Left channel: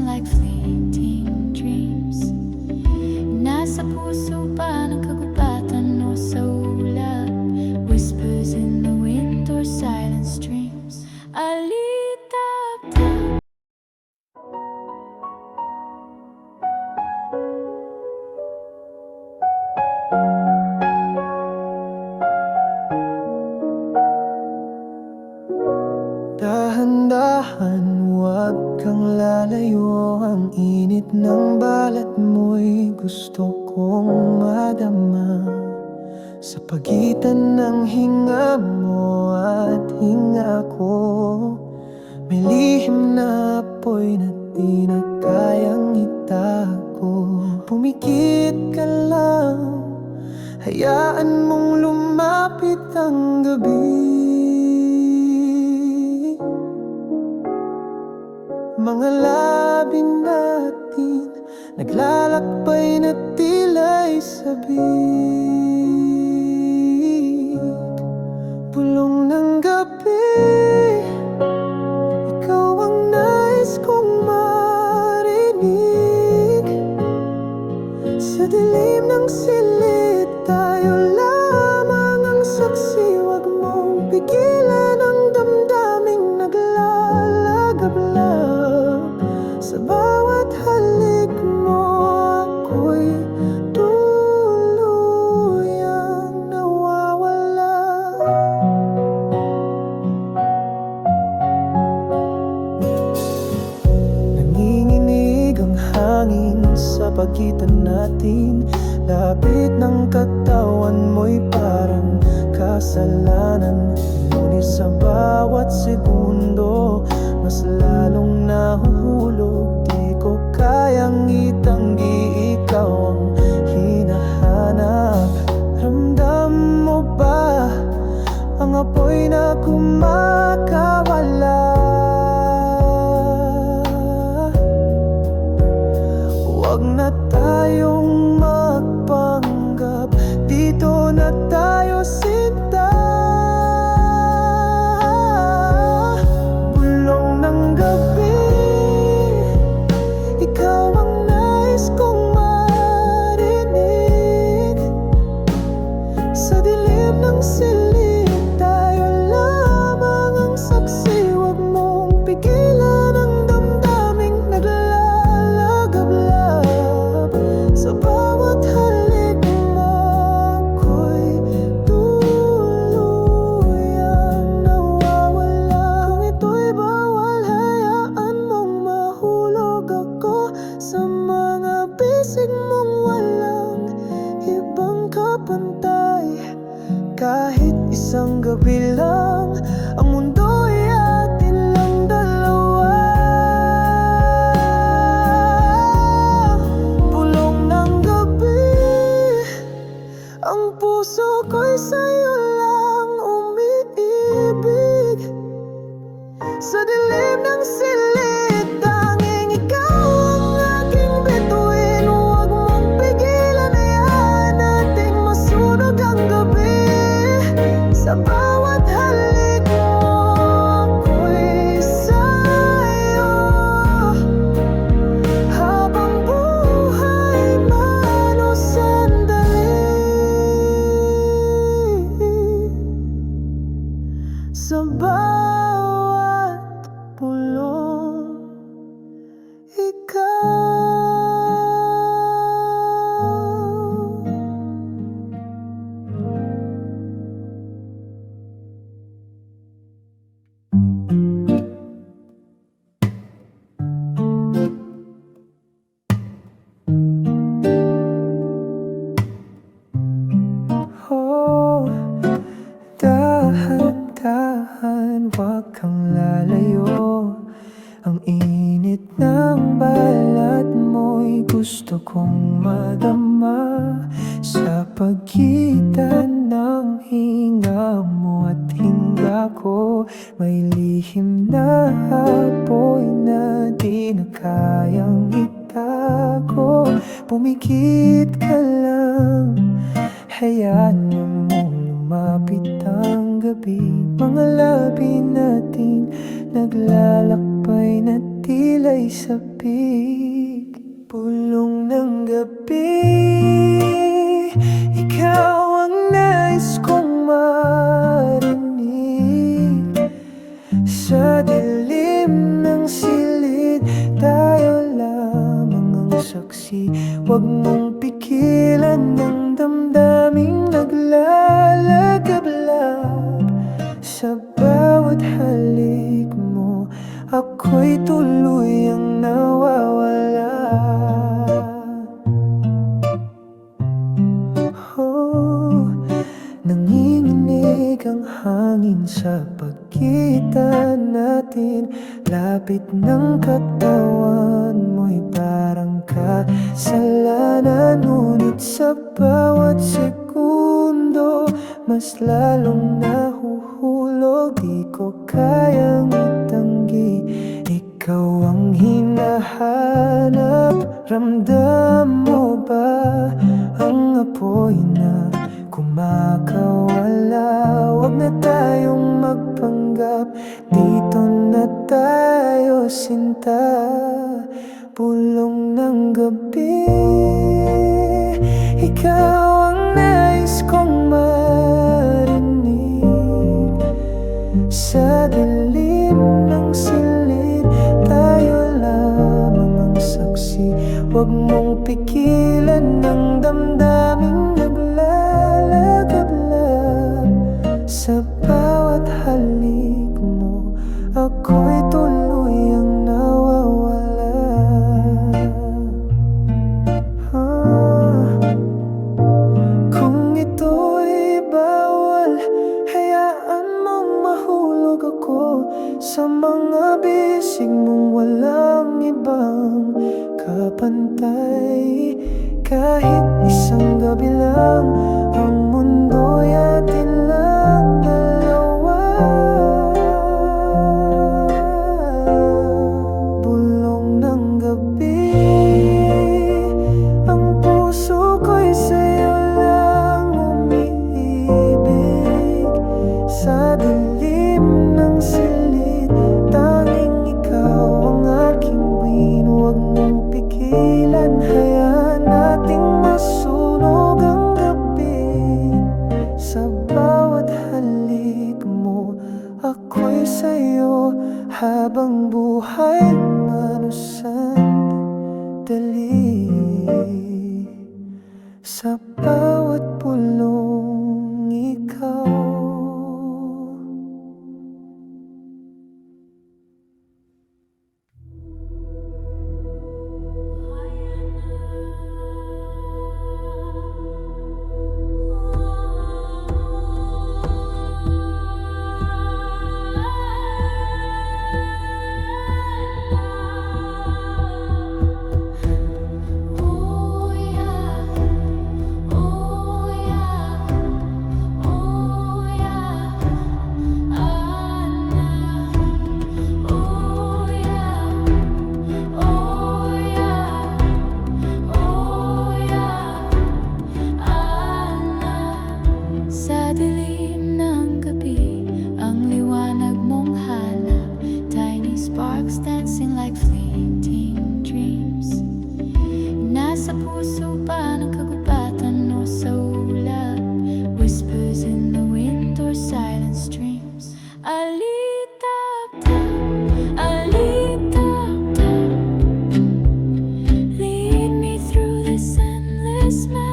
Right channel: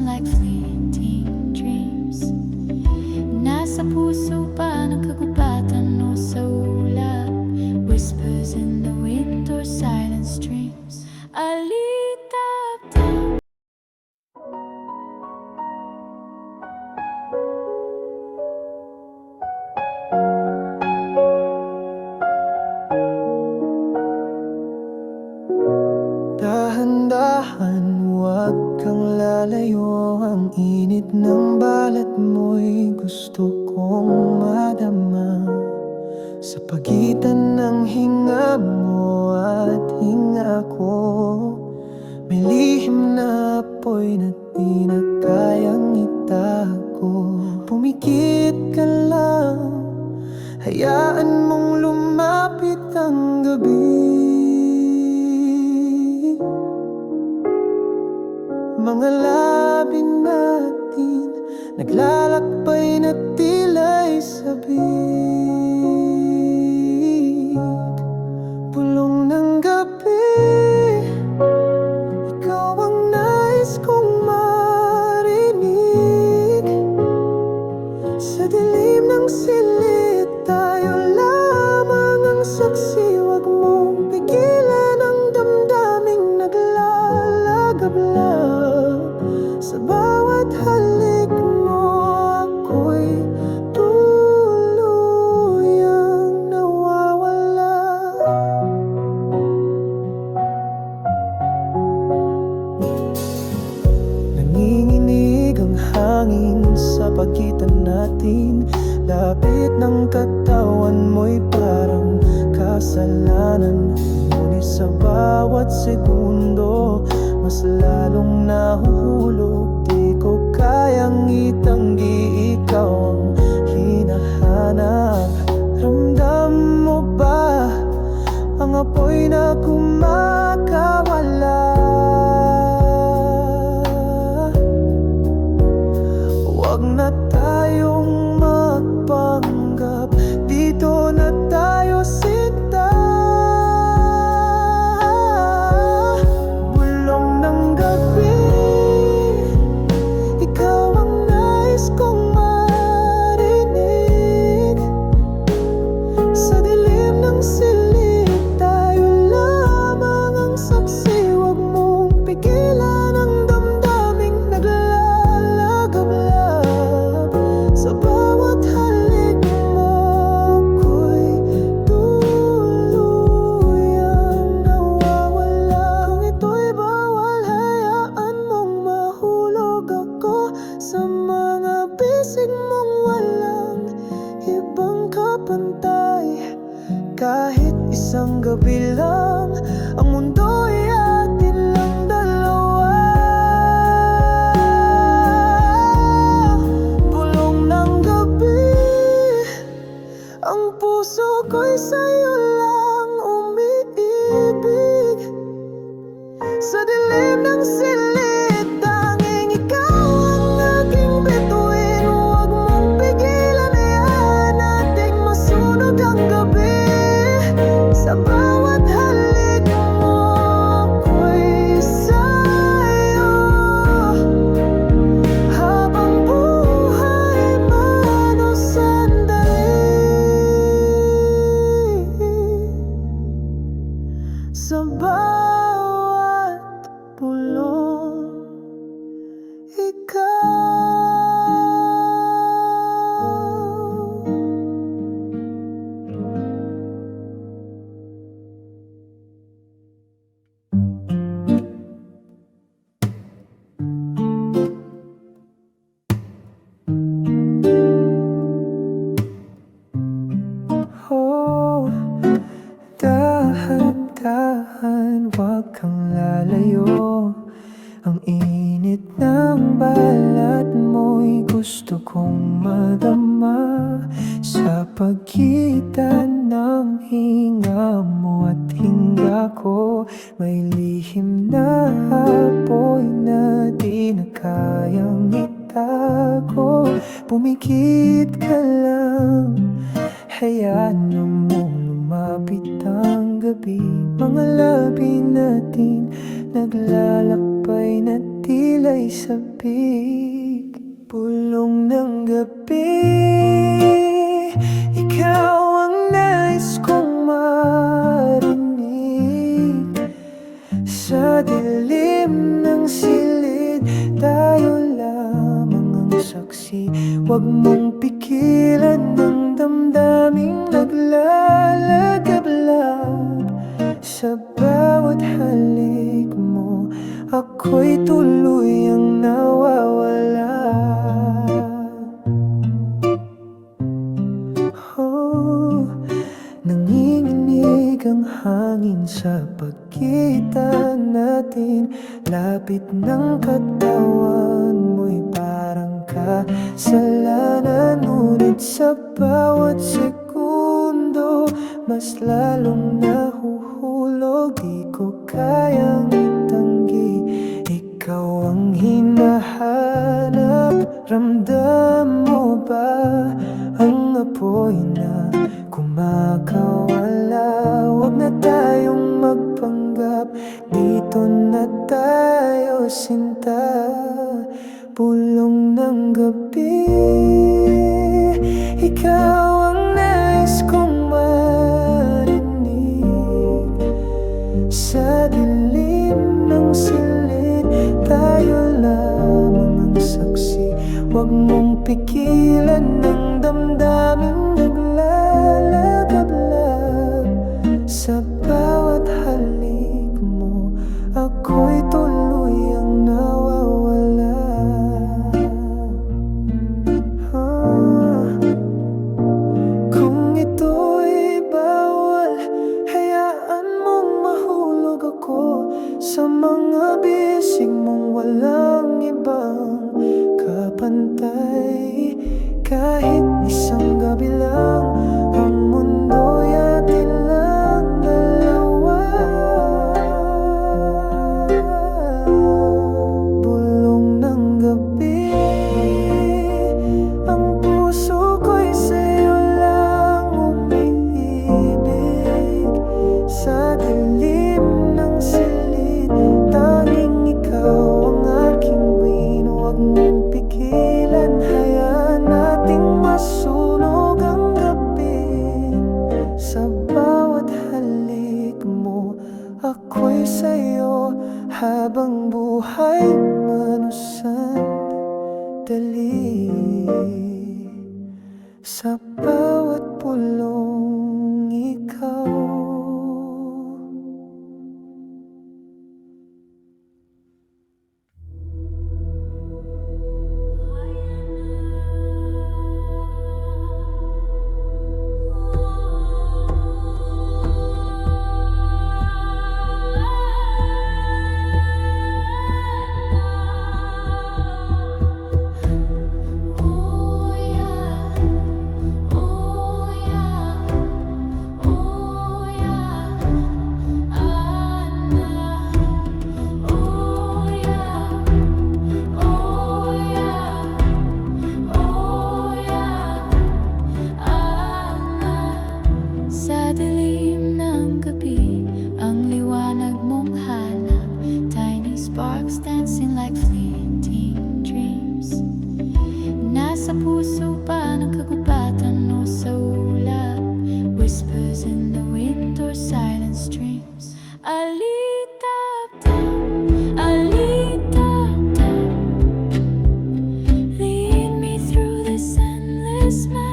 passing like fleeting dreams. Nasa puso ba ng kagubatan o sa ulap? Whispers in the wind or silent streams. Alitap-tap. Dahan-dahan, huwag kang lalayo. Ang init ng balat mo'y gusto kong madama. Sa pagitan ng hinga mo at hinga ko, may lihim na apoy na di na kayang itago. Pumikit ka lang, hayaan mong lumapit ang gabi. Mga labi natin naglalakbay na tila'y sabik. Bulong ng gabi, ikaw ang nais kong marinig. Sa dilim ng silid, tayo lamang ang saksi. Huwag mong pigilan ang damdaming naglalagablab. Sa bawat halik mo, ako'y tuluyang nawawala. Nanginginig ang hangin sa pagitan natin. Lapit ng katawan mo'y parang kasalanan. Ngunit sa bawat segundo, mas lalong nahuhulog. Di ko kayang itanggi, ikaw ang hinahanap. Ramdam mo ba ang apoy na kumakawala? Huwag na tayong magpanggap, dito na tayo sinta. Bulong ng gabi, ikaw ang nais kong marinig. Sa dilim ng silid, tayo lamang ang saksi. Huwag mong pigilan ang damdaming naglalagablab. Sa bawat halik mo, ako'y tuluyang nawawala. Kung ito'y bawal, hayaan mong mahulog ako sa mga bisig mong walang ibang kapantay. Kahit isang gabi lang, ang mundo'y atin lang dalawa. Bulong ng gabi, ang puso ko'y sa'yo lang umiibig. Sa dilim ng silid, tanging ikaw ang aking bituin. Huwag mong pigilan, hayaan nating masunog ang gabi. Sa bawat halik mo, ako'y sa'yo. Habang buhay man o sandali, sa bawat pulong, ikaw. Oh, dahan-dahan, huwag kang lalayo. Ang init ng balat mo'y gusto kong madama. Sa pagitan ng hinga mo at hinga ko, may lihim na apoy na di na kayang itago. Pumikit ka lang, hayaan mong lumapit ang gabi. Mga labi natin naglalakbay na tila'y sabik. Bulong ng gabi, ikaw ang nais kong marinig. Sa dilim ng silid, tayo lamang ang saksi. Huwag mong pigilan ng damdaming naglalagablab. Sa bawat halik mo, ako'y tuluyang nawawala. Oh, nanginginig ang hangin sa pagitan natin. Lapit ng katawan mo'y parang kasalanan. Ngunit sa bawat segundo, mas lalong nahuhulog. Di ko kayang itanggi, ikaw ang hinahanap. Ramdam mo ba ang apoy na kumakawala? Huwag na tayong magpanggap, dito na tayo sinta. Bulong ng gabi, ikaw ang nais kong marinig. Sa dilim ng silid, tayo lamang ang saksi. Huwag mong pigilan ng damdaming naglalagablab. Sa bawat halik mo, ako'y tuluyang nawawala. Kung ito'y bawal, hayaan mong mahulog ako sa mga bisig mong walang ibang kapantay. Kahit isang gabi lang, ang mundo'y atin lang dalawa. Bulong ng gabi, ang puso ko'y sa'yo lang umiibig. Sa dilim ng silid, tanging ikaw ang aking buwin. Huwag mong pigilan, hayaan nating masunog ang gabi. Sa bawat halik mo, ako'y sa'yo habang buhay man o sandali. Sa bawat pulong ikaw. Sa dilim ng gabi, ang liwanag mong hanap. Tiny sparks dancing like fleeting dreams. Nasa puso ba ng kagubatan o sa ulap? Whispers in the wind or silent streams. Alitap-tap, alitap-tap. Lead me through this endless map.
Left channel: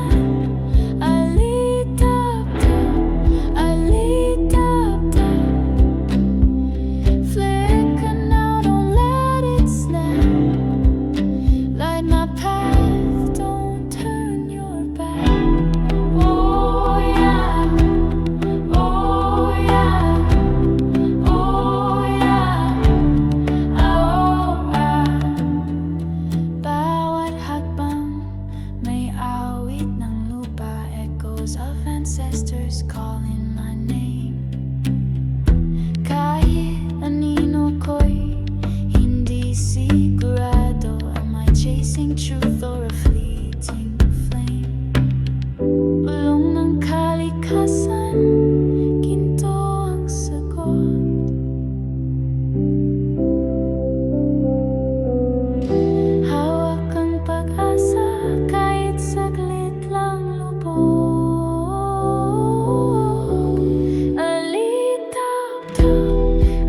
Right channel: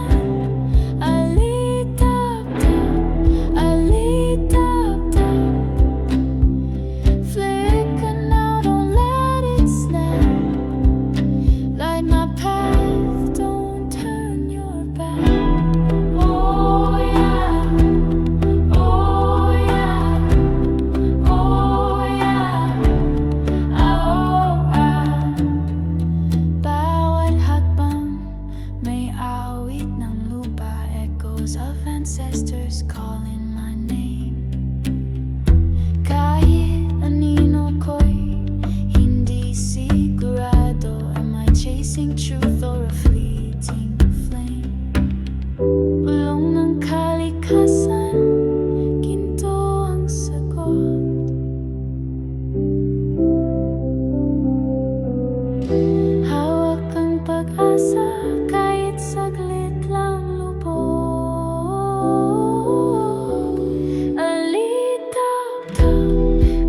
My path, don't turn your back. Oh yeah, oh yeah, oh yeah, oh ah. Bawat hakbang may awit ng lupa, echoes of ancestors calling my name. Kahit anino ko'y hindi sigurado, chasing truth or a fleeting flame. Bulong ng kalikasan, ginto ang sagot. ng pag-asa kahit saglit lang lubog. Alitap-tap,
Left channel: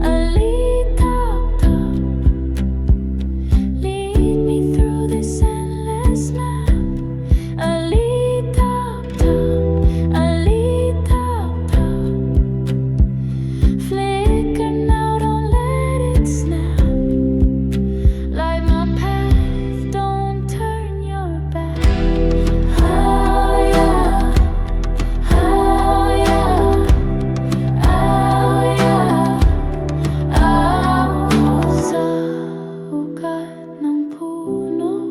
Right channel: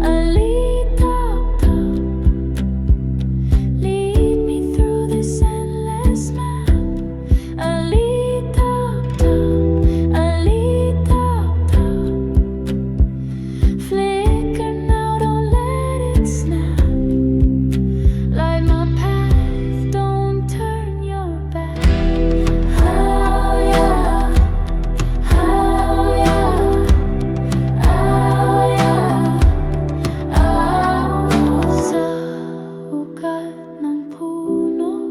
alitap-tap, lead me through this endless map. Alitap-tap, alitap-tap, flicker now, don't let it snap. Light my path, don't turn your back. Oh yeah, oh yeah, oh yeah, oh. Sa ugat ng puno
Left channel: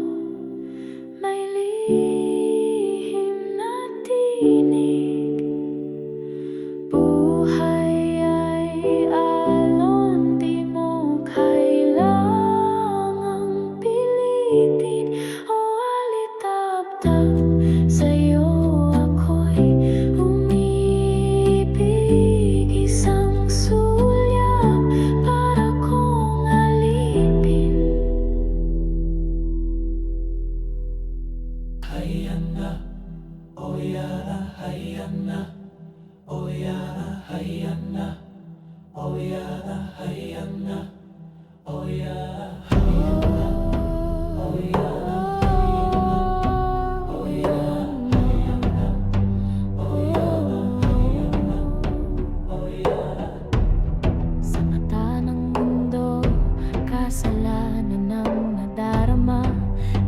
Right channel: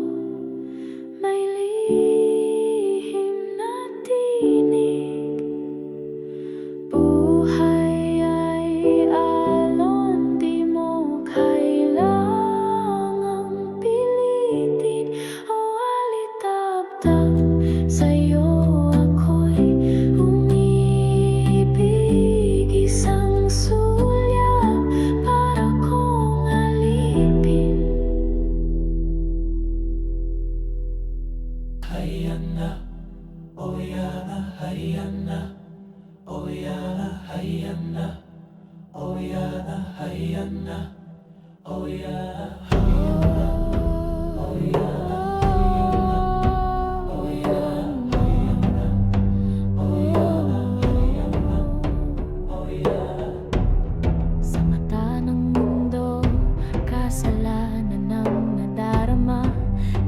may lihim na tinig. Buhay ay alon, di mo kailangang pilitin o alitap-tap. Sa'yo ako'y umibig, isang sulyap para kong alipin. Hayana, oyana, hayana, oyana, hayana, oyana, hayana, oyana, hayana, oyana, oyana, hayana, oyana, hayana, oyana. Sa mata ng mundo, kasalanan ang nadarama.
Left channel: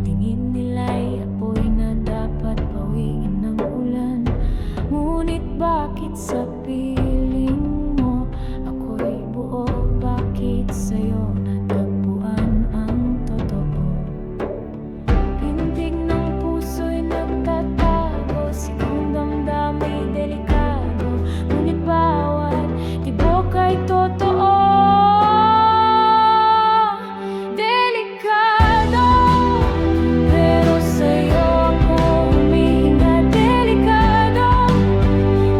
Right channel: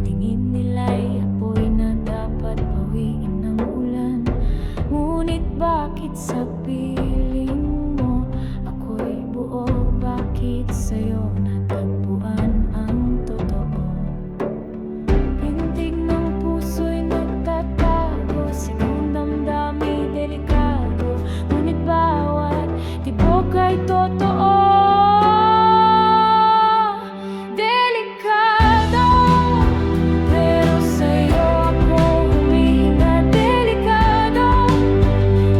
Tingin nila'y apoy na dapat pawiin ng ulan. Ngunit bakit sa piling mo ako'y buo? Bakit sa'yo natagpuan ang totoo? Pintig ng puso'y nagtatago, sigang damdamay delikado. Ngunit bawat tibok ay totoo. Delikado, pero sa'yo ako humihinga. Delikado,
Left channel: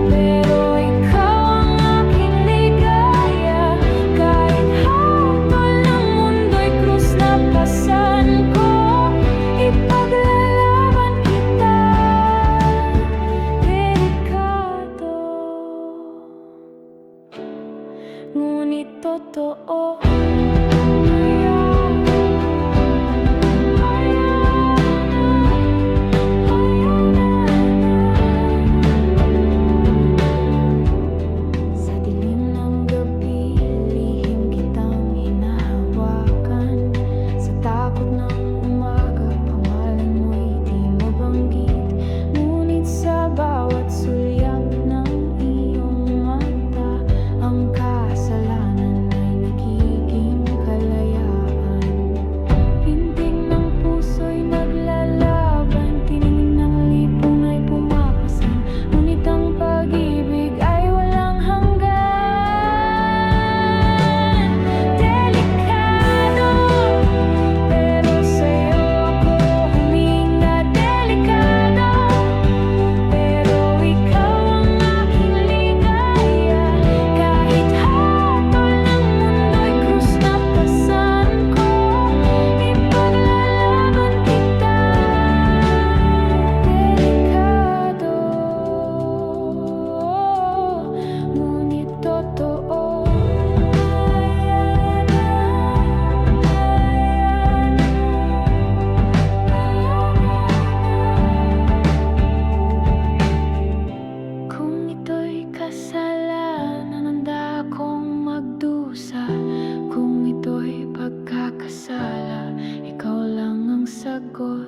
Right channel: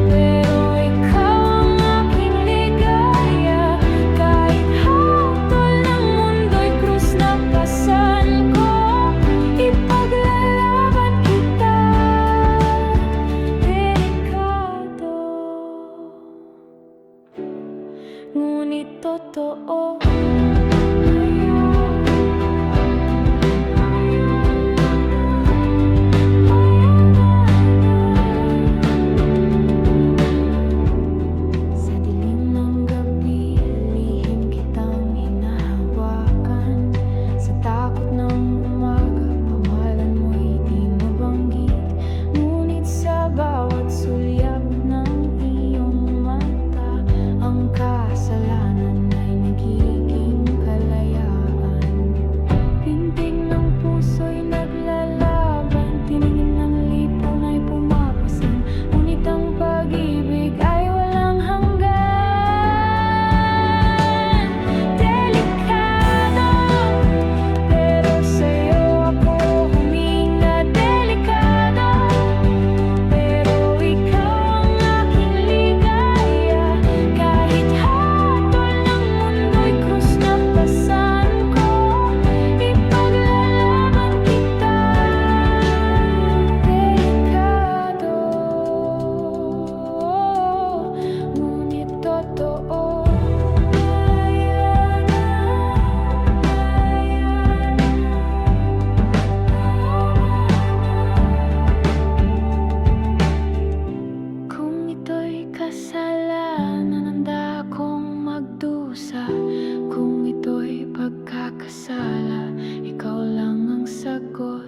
pero ikaw ang aking ligaya. Kahit hatol ng mundo'y krus na pasan ko, ipaglalaban kita. Delikado, ngunit totoo. Sa dilim ng gabi, lihim kitang hinahawakan. Sa takot ng umaga, pangalan mo'y di mabanggit. Ngunit sa bawat sulyap ng iyong mata, ang kasalanan ay nagiging kalayaan. Pintig ng puso'y naglalaban, tiningin ng lipong na'y pumapasan. Ngunit ang pag-ibig ay walang hanggan. Delikado, pero sa'yo ako huminga. Delikado, pero ikaw ang aking ligaya. Kahit hatol ng mundo'y krus na pasan ko, ipaglalaban kita. Delikado, ngunit totoo. Hayana, hayana, kung ito'y kasalanan, handa akong magdusa. Kung ito'y pagkakasala, ikaw lang ang sagot.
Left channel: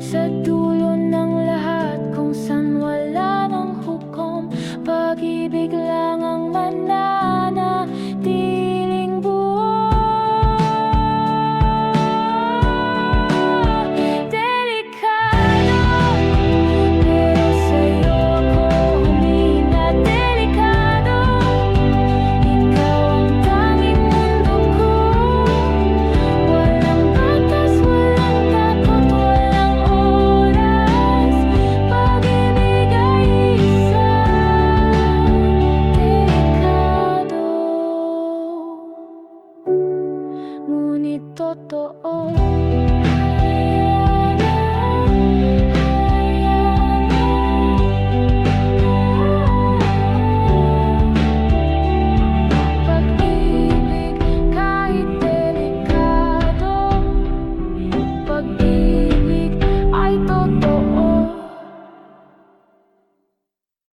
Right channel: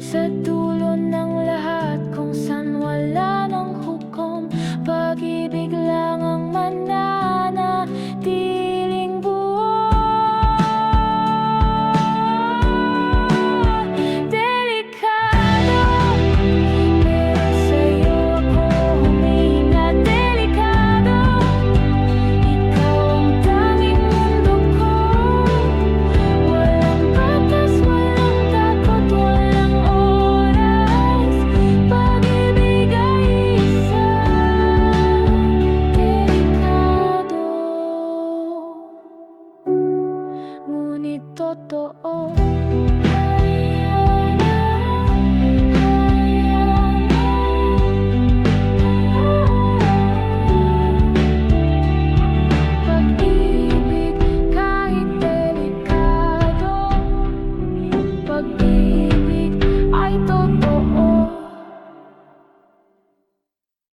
Sa dulo ng lahat, kung saan wala ng hukom, pag-ibig lang ang mananatiling buo. Delikado, pero sa'yo ako humihinga. Delikado, ikaw ang tanging mundo ko. Walang batas, walang takot, walang oras. Pag-ibig ay isa. Delikado, pag-ibig ay totoo.